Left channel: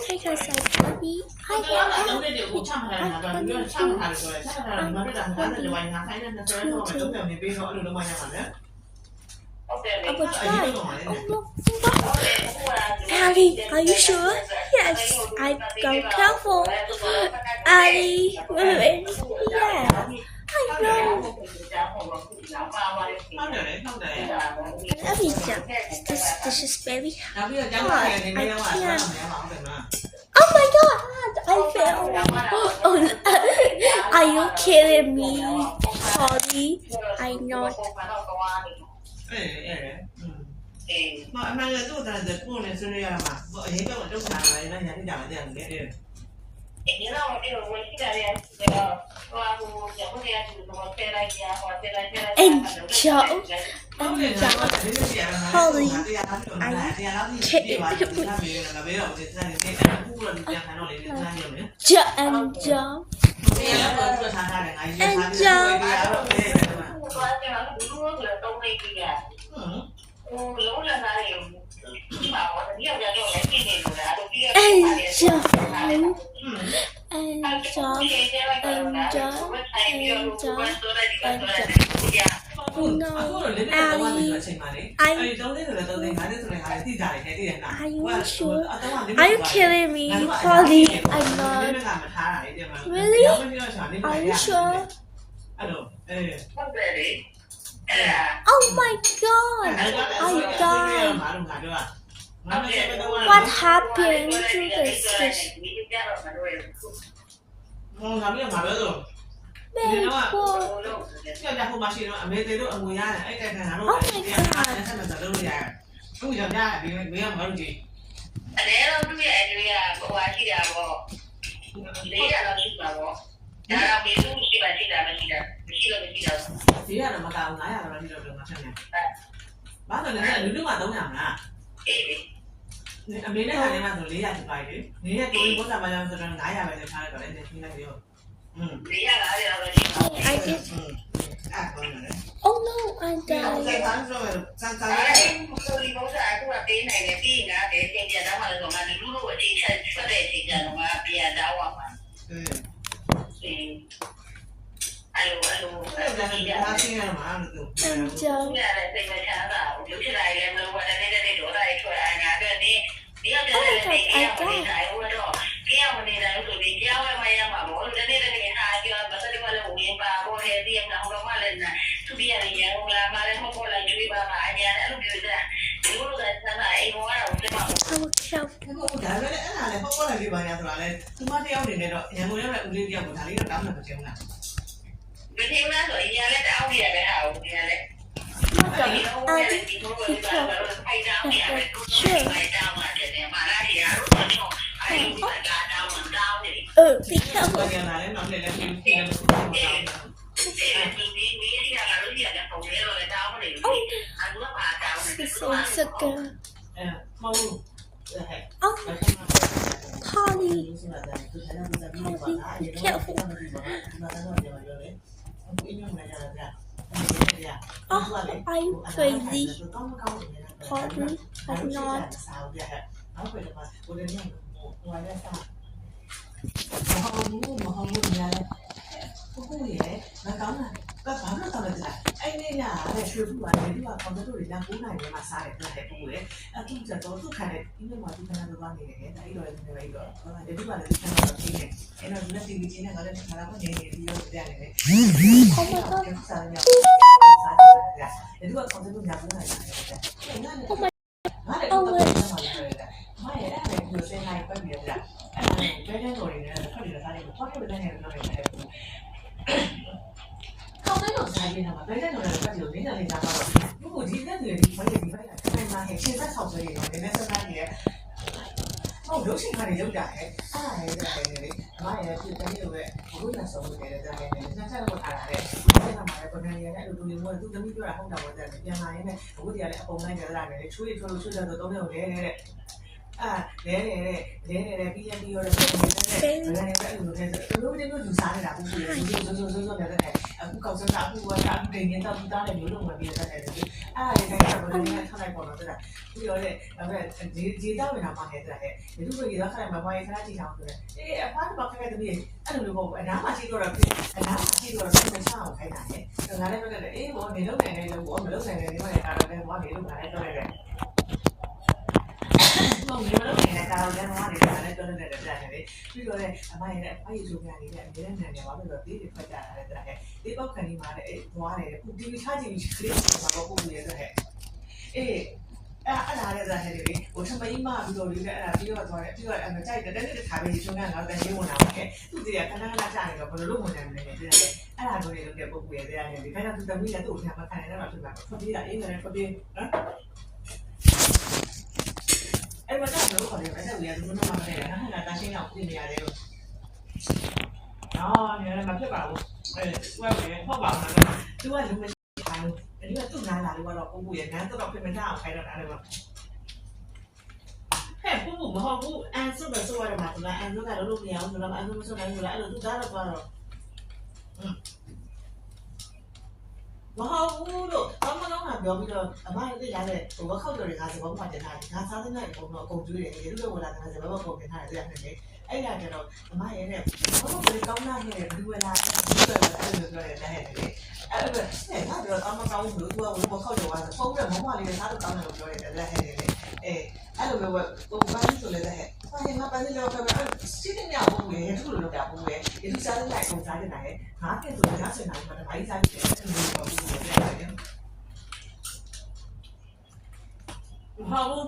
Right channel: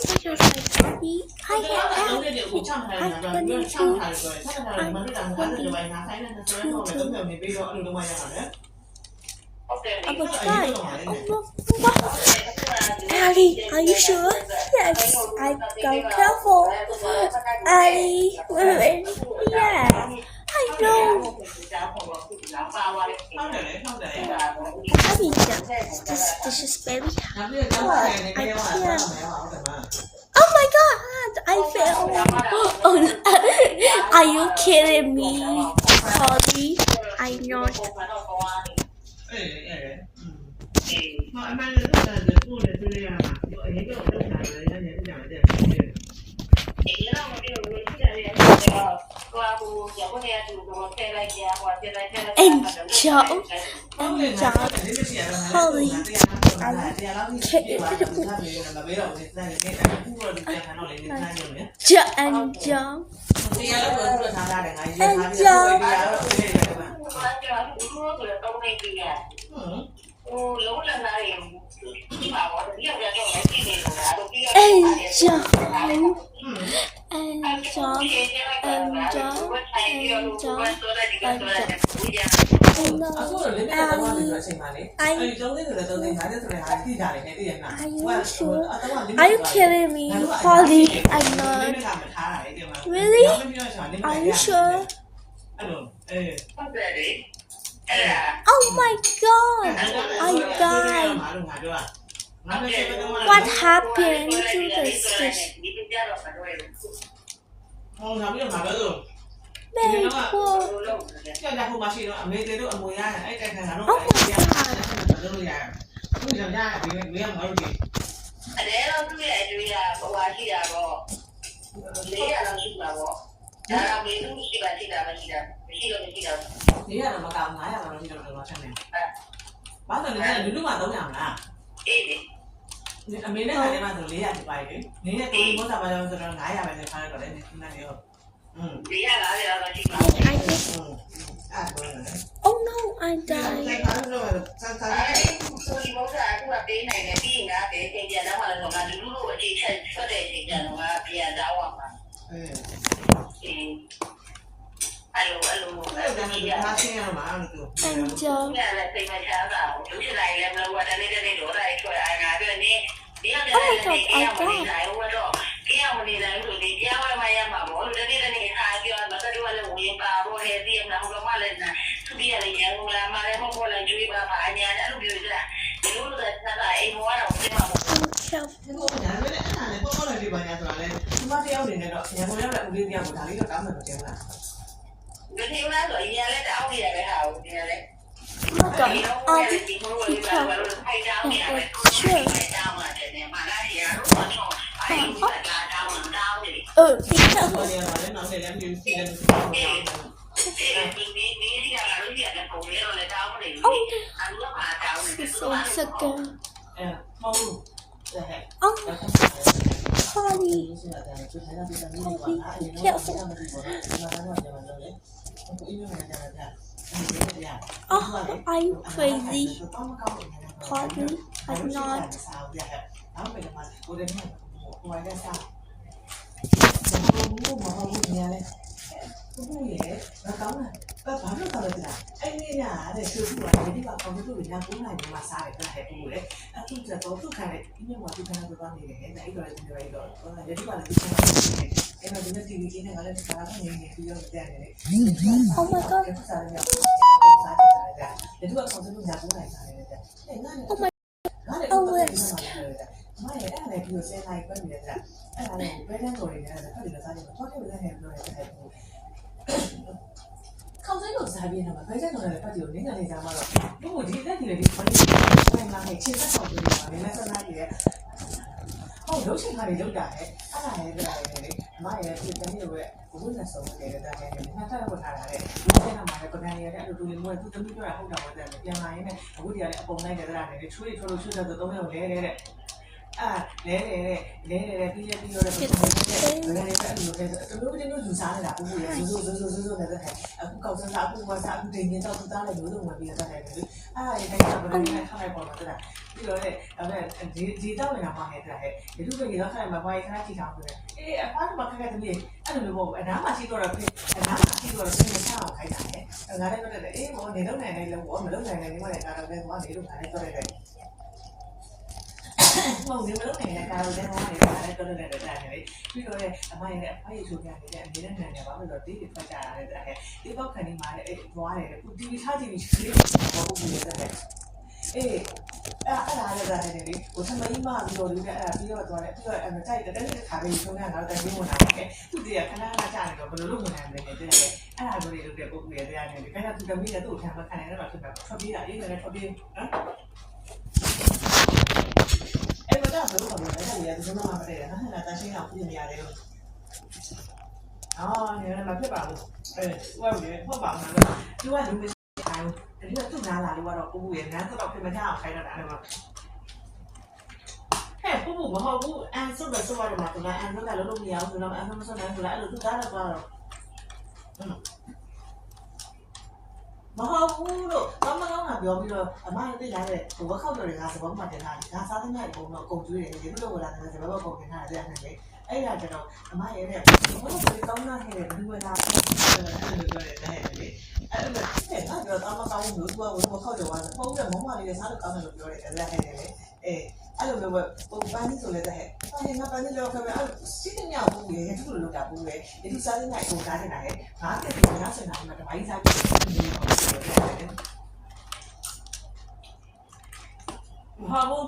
Because I Bobby, I am happy. I'm going to. Oh my God! Oh no! Ali, are you sure? Yes. I'm going careful. Ali, yeah. I know. Happy jump. This is very hard. I can't. Oh my God! I fell. Oh, are you kidding me, Polly? I'm not. မအမှန်လည်းတော့တယ်ပုံနဲ့ဆွေးနွေးရမှာမအရင်ကတော့လုပ်ထားတယ်လည်းညာကြတယ်တယ်အေးရောဒီလိုဝင်ကြရတယ်ဟိုအခုကြောက်နေရတယ်တော့ဆဲလိုက်ကြဟိုဆဲလိုက်ကြ And Joe, Polly, I kidding me. Joe and Joe. And Joe. No, Ali, are you sure? Are you kidding me, Polly? I'm not. Really? Are you sure? Oh my God! I died. What happened to the fish? Very cool. Oh my I just. Oh no, I died. And Joe. Oh my God, I died. Polly, be careful. Oh, are you crazy? Polly, I'm not. Oh my God. Oh, တော့စကားအခုကအခုနေနေတော့တားတယ်မျိုးလုံးမပြီးတတ်တယ်လေအဲ့ဒါလည်းတိုင်းကဘယ်လိုလဲထားလိုက်ပေါ်တော့တဲ့ပြီးတော့လေဒီတော့နေတာပါခဲ့တဲ့ဟဲ့ဒီလိုကြီးတော့ခါမှဘာခဏကြည့်အောင်ဆိုတယ်အေးအဖားကခက်တဲ့တည်းအဲ့လိုမျိုးပေါ့အနားမှာကြည့်တော့အနားမှာကြည့်တော့ပြန်ချအောင်ခိုင်းတာလေငါလည်းမလည်းအေးဘောနေလုံးနိုင်တယ်လို့ဘောမလုံးနိုင်တယ်ဒီမှာလည်းကာတော့ပဲသွားနေလို့ငါလည်းတော့ရတယ်မဟုတ်ဘူးလို့လည်းကာတော့လည်းသွားနေတာလည်းတော့လည်းတက်တယ်လေပြီးတော့လေအမရဲ့အဖိုးဆိုပြနေတဲ့အမြဲတမ်းနိုင်တယ်ဘာလို့လဲဆိုတော့ဒီဖက်ကြတာလေတဲ့ဒီပောက်ခဏီမှာလည်းသွားတယ်ပူတီချကြည့်ပြီးခလေးဘောပုတ်နေတယ်အေးအဲ့ဒါလည်းပါတယ်လေဟိုသမီးမပြီးတော့လေအဲ့ဒါပြီးတော့သွားတယ်ပြီးတော့ကြိုက်တယ်တဲ့ခါလေးဆုံးကငါတို့တည်းဝင်လာတယ်သူတည်းကခဏခဏကြာနေတော့ဘယ်လိုလုပ်ဝင်နိုင်မလဲတဲ့အဲ့ဒါကိုလေလုပ်တဲ့ပုတ်ရဲ့တရားနေတယ်ဒါကြောင့်သူသမီးလည်းသူ့ထံမှာခံရတော့ဖြစ်တာထွက်ပြေးတာအေးလည်းထွက်ပြေးနော်အဲ့ဒါတော့ဘယ်လိုလဲအဲ့ဒါကိုရသူတို့မှမတည့်ရဟာတာရှင်းအောင်ပြင်နေရတယ်လို့အော်နေလည်းမဖြစ်ပါဘူးဝဲဝဲဟုတ်ပါဘူးသူကလူမရှိဘူးအဲ့ဒီကသူ့နားလာလို့ကတော့ပုတ်ရဲ့နန်းတော့ပြင်မကြအောင်ခိုင်းတော့တာအဲ့လိုဟဲ့ပုတ်မဟုတ်ဘူးအန်ဆုပဲဆိုရမှာသူကအန်ဆုကလည်းလုပ်မရအောင်ဆိုတော့အန်ဆုမဆိုနိုင်ဘူးလားအဲ့လိုသူသားတော့တော့မဟုတ်ဘူးလို့ဘာမှတော့ငါပြောပြီးတော့အမရဲ့သိလာတဲ့ဟိုခောက်တော်တွေကစပောင်းမှတင်ထားတယ်ငါစားတဲ့နိုင်ပုံတော့အကုန်ကျွေးတယ်ဒီလိုလိုလာတယ်စပောင်းပုံတင်ထားတယ်အဲ့ဒါနဲ့အဲ့ဒါကျတော့အမရဲ့တဲ့ဟိုဘယ်ကောင်းလာခဲ့တယ်ဘယ်လိုလာတယ်လို့ပြောတယ်တဲ့အဲ့ဒါငါတော့အမကောင်းလို့သူကဟိုခောက်တော်ကဖုန်းနဲ့မမလေးနဲ့စားတော့ကောင်းတယ်လို့ပြောတယ်အဲ့ဒါဟဲ့လေအဲ့လိုမျိုးဟိုပန်းဆိုလည်းတဲ့ဟဲ့မပန်းလို့ပြောတယ်စီးတဲ့ညဘူးလေသူ့လိုလုပ်တာဘူးလေဒီစားတဲ့နိုင်ကိုစားတဲ့နိုင်ငါတဲ့ငါစင်နိုင်မှာတပိုင်းစားပြီးဒီလိုတော့ဟာဘူး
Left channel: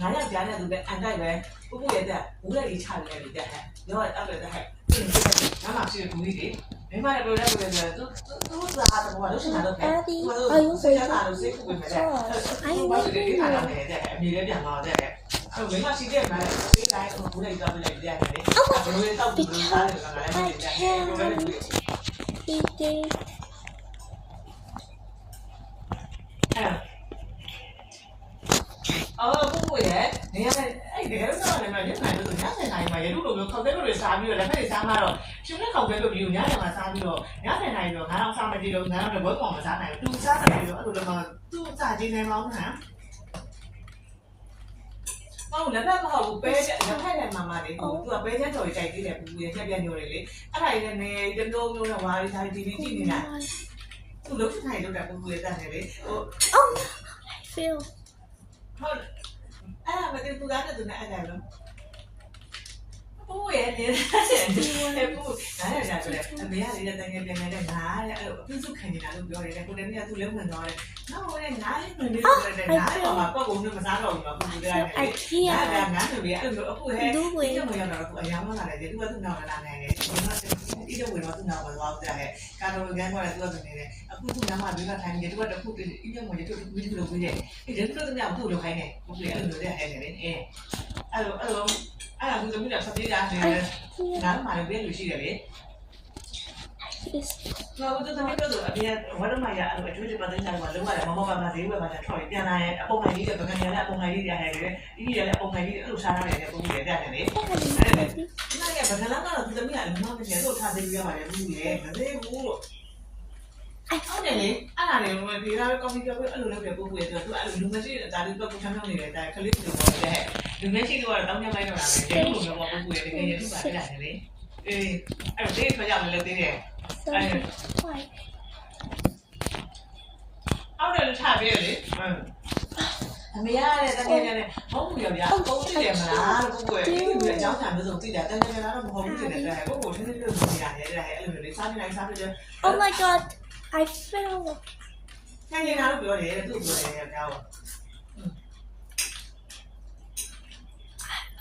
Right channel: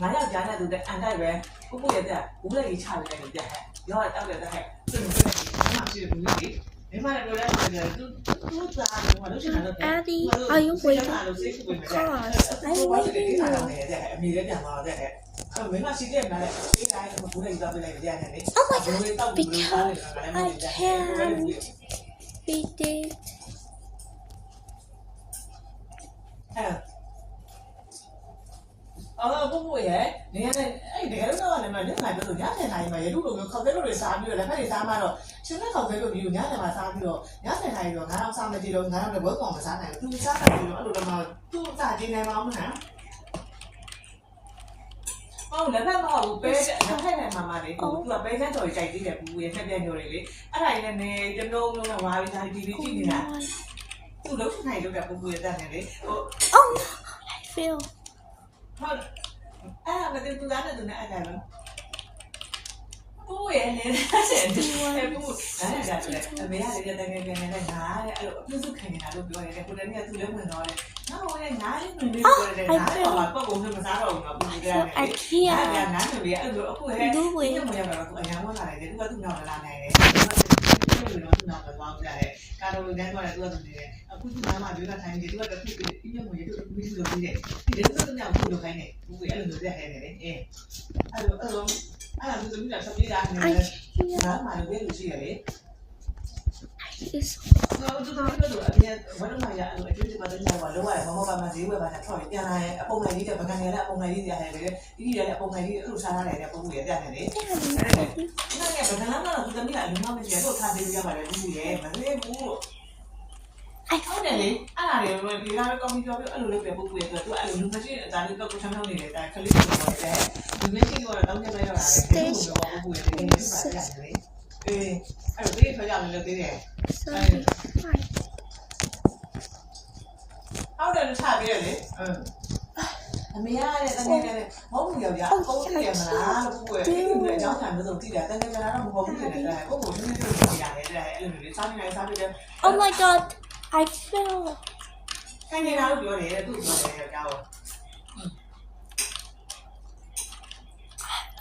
ငါရကြားတဲ့သူတဲ့အန်တိုက်ပဲပုရဲ့တဲ့ဘူးလည်းကြီးချတယ်လေတဲ့ဟဲ့ရောတောက်တယ်တဲ့ဟဲ့ဒီမှာရှိတဲ့ဘူးကြီးမိမလည်းပြောတယ်သူစားတယ်ဘာလို့ရှင်လာတော့ Addy, are you waiting? God, I'm waiting. အမေလည်းပြန်လာတဲ့အဲ့မိမရှိတဲ့မှာလေဒီတိုင်းဘူးလည်းကြောက်လိုက်တယ်လေ Oh my god, because I can't beat it. အော်ဘူးရဲ့နေရာနဲ့အဲ့တကယ်တော့လည်းမင်းနိုင်လို့ညနေတိုင်းမှာရေလူလိုမျိုးခောက်တဲ့လိုတွေစားပြီးတော့လက်ဖက်တွေစားမှတော့ရှင်နဲ့ခောက်တဲ့လိုမျိုးညနေမှာစားပြီးတော့ညနေတိုင်းတော့ငါတော့စားမကြည့်တော့ငါတော့ဘွဲကောင်မစားနိုင်ဘူးသူစားတယ်ပြီးတော့အဲ့လိုတော့သူ့စားကြည့်နိုင်မအောင်ဟမ်ဟုတ်လည်းမဟုတ်ဘူးပဲလက်ဖက်နဲ့မမလေးသူကပဲချမ်းတော်ကြိုက်သေးတယ်ဘူးရဲ့ဖြက်ပြညိုတွေလေအဲ့ဒါကြီးနဲ့တမျိုးမျိုးနဲ့ဝါးပြီးစားတီဗီကြည့်နေတာသူလုံးနိုင်လို့တဲ့ဘူးရဲ့တက်နေလေဟို Oh no, I feel. ဟုတ်အဲ့ဒါမသိသူသားတဲ့သူနဲ့အဲ့ဒါလို့ဘူးရဲ့လေဆက်တယ်ဘူးအဲ့ဒါလည်းအမေကလည်းတိုင်နေပြန်နေတဲ့ငါတဲ့အဲ့လိုပြုစုခံနေတာလို့ပြောတယ်ကိုလည်းမြတ်သူလည်းဝင်တော့တယ်နောက်ဟိုလည်းငါလည်းနေနေပြောတယ်ငါတော့ပတ်ကုန်နဲ့မစားတော့ဘူးတော့ဘူးတဲ့ I အဲ့ can't ဒါငါတို့ရဲ့အဲ့လိုအခုဟဲ့ဒီမရတော့အခုအယောင်ဝင်လာတယ်သူကသူ့နောက်လာနိုင်တယ်ဒီလိုတော့သူ့နောက်ဝင်သွားကြတယ်ကာတော်ကန်းတော့သူကသူနေတယ်အခုသူ့နားမှာဒီကထိုင်နေတယ်သူကတခုအင်းမွေးသူမိသူလိုပြီးတယ်ဒီလိုတော့ညဘူးလိုခိုင်းနေဘူးလေအဲ့လိုမျိုးတဲ့ဟဲ့နေတယ်အဲ့လိုသူသမီးကဆက်ပြေးတာနေတယ်ငါမှလည်းပြေးလို့ရှိတယ်လေ Yes. တော့သူသမီးတို့အပြင်ဝရမရအဲ့လိုအကျွေးတွေပတ်နေတာကလောရတယ်မမပါမဈေးဝယ်ပါတာထွက်ပြန်လာရင်အပုံနိုင်လေးတဲ့ပကံရတဲ့အပုံနိုင်လေးတွေရတယ်လေဒီရလည်းအပုံနိုင်လေးအဲ့လိုစားရတယ်လေပုံကြီးရတယ်လေအဲ့ဒါကဘယ်လာမှတော့သူသမီးကအလုံးမမရှိတော့ထားသေးပြရပါလေဘူးလေမသေးဘူးလို့ဟုတ်တယ်လေအဲ့ဒါတွေဒီကကော်ဖီပြောပြီးအဲ့လိုလုပ်ပြပို့ပြတော့သူအဲ့လိုလူမရှိအသားလေးတော့ချမ်းချမ်းနေတယ်ဒါခလေးကိုပြောတယ်ဒီနေ့ရှိတော့တောင်းနေလိုက်တော့တာလေဒီလိုမျိုးပို့ပြတယ်ဒီနေ့ပါရတယ်လေအေးအဲ့ဒီဖျက်ရလည်းသေးတယ် So, hi. ဟုတ်တယ်ချပြလေအမေရတဲ့တကယ်လည်းဟုတ်ဘူးဗျာပုံကြည့်တယ်မလားလို့ကိုယ်ကဒီအကြောင်းချမ်းမျိုးကြည့်တယ်တကယ်တော့မဟုတ်ဘူးတဲ့တဲ့ကိုကိုသူတို့ကြည့်ရတယ်တဲ့အဲ့လိုမျိုးလေးစားနေစားပြီးတယ် Oh my god, I fell. အဲ့ဒီကတော့ပြောတယ်သူပြောတယ်ကြောက်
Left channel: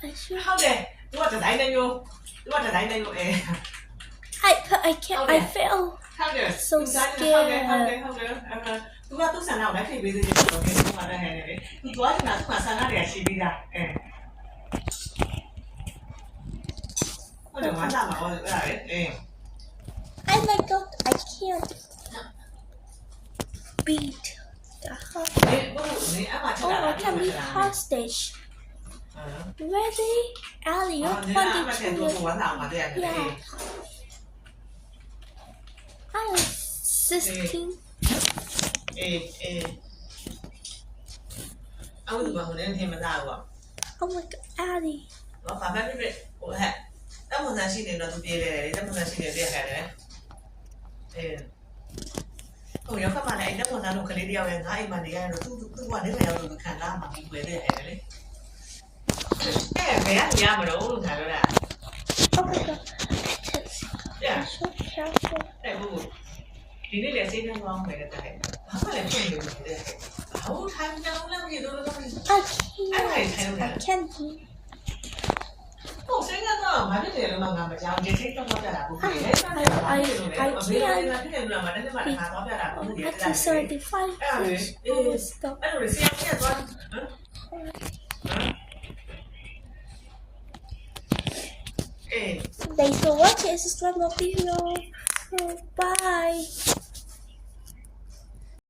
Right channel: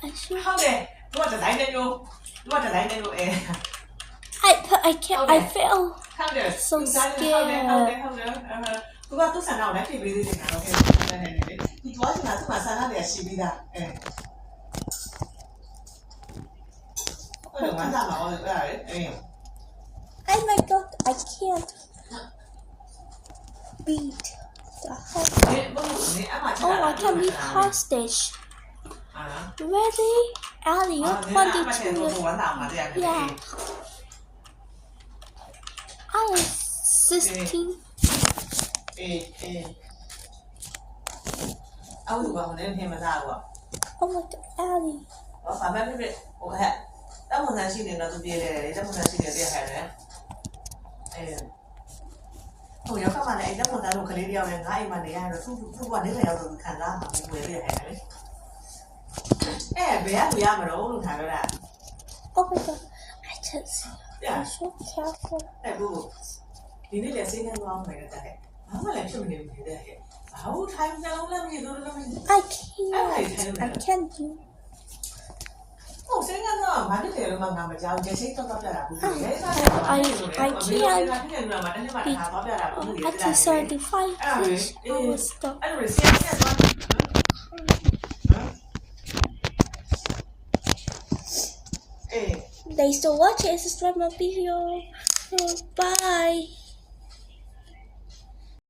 I should. ဟုတ်တယ်သူကဒီဇိုင်းတယ်မျိုးသူကဒီဇိုင်းတယ်မျိုးI can't. I fell. ဟုတ်တယ် So scared. ဟုတ်တယ်သူကသူ့ဆန္ဒကိုလည်းဖြည့်ပေးသေးတယ်ဆိုတော့ဟုတ်တယ်ဟဲ့လေသူသွားချင်တာသူကဆန္ဒတွေကရှိပြီးသားဟုတ်တယ်ဝမ်းသာမှာဟုတ်တယ် Oh my god, I can't beat the hostage. Oh, I can be hostage. Ready? Ali, you're 22 years. Yeah. I am 16. အောက်သူကဟိုလည်းထင်မသားဘူး Oh my god, Addie. ဟောဘာပဲဖြစ်ဟိုဟဲ့တက်မွန်ဆန်ရှိနေတော့သူပြေးတယ်လေတက်မွန်ဆန်ရှိနေပြည့်ဟဲ့တယ်ဟိုရောက်ခါမှလည်းတက်မွန်ဆန်တို့ကလေးတယောက်လည်းငါ့အိမ်မှာနေရတော့သူကနေမရောက်ဘူးခံလာမှာဘူးဝယ်ပြည့်ဟဲ့လေဘယ်ရမလို့လို့ထားရတာ Oh my god, I just I'm so careful. ဘူးဒီနေ့လည်းစိတ်နဲ့ကြောင်းမယ်တဲ့ဘာမှလည်းဖြစ်နေဘူးတဲ့ဟိုထိုင်နေလို့လည်းမရတော့ဘူး I can't do. ဟိုစိတ်ကတော့မဖြစ်တယ်လို့မှငါမကြောက်ကြစိတ်တော့ပြတာဘူးလေ I to 75 fish. I will stop. အဲ့လိုစီးနေတော့ Thanks for watching. Subscribe my video. Bye.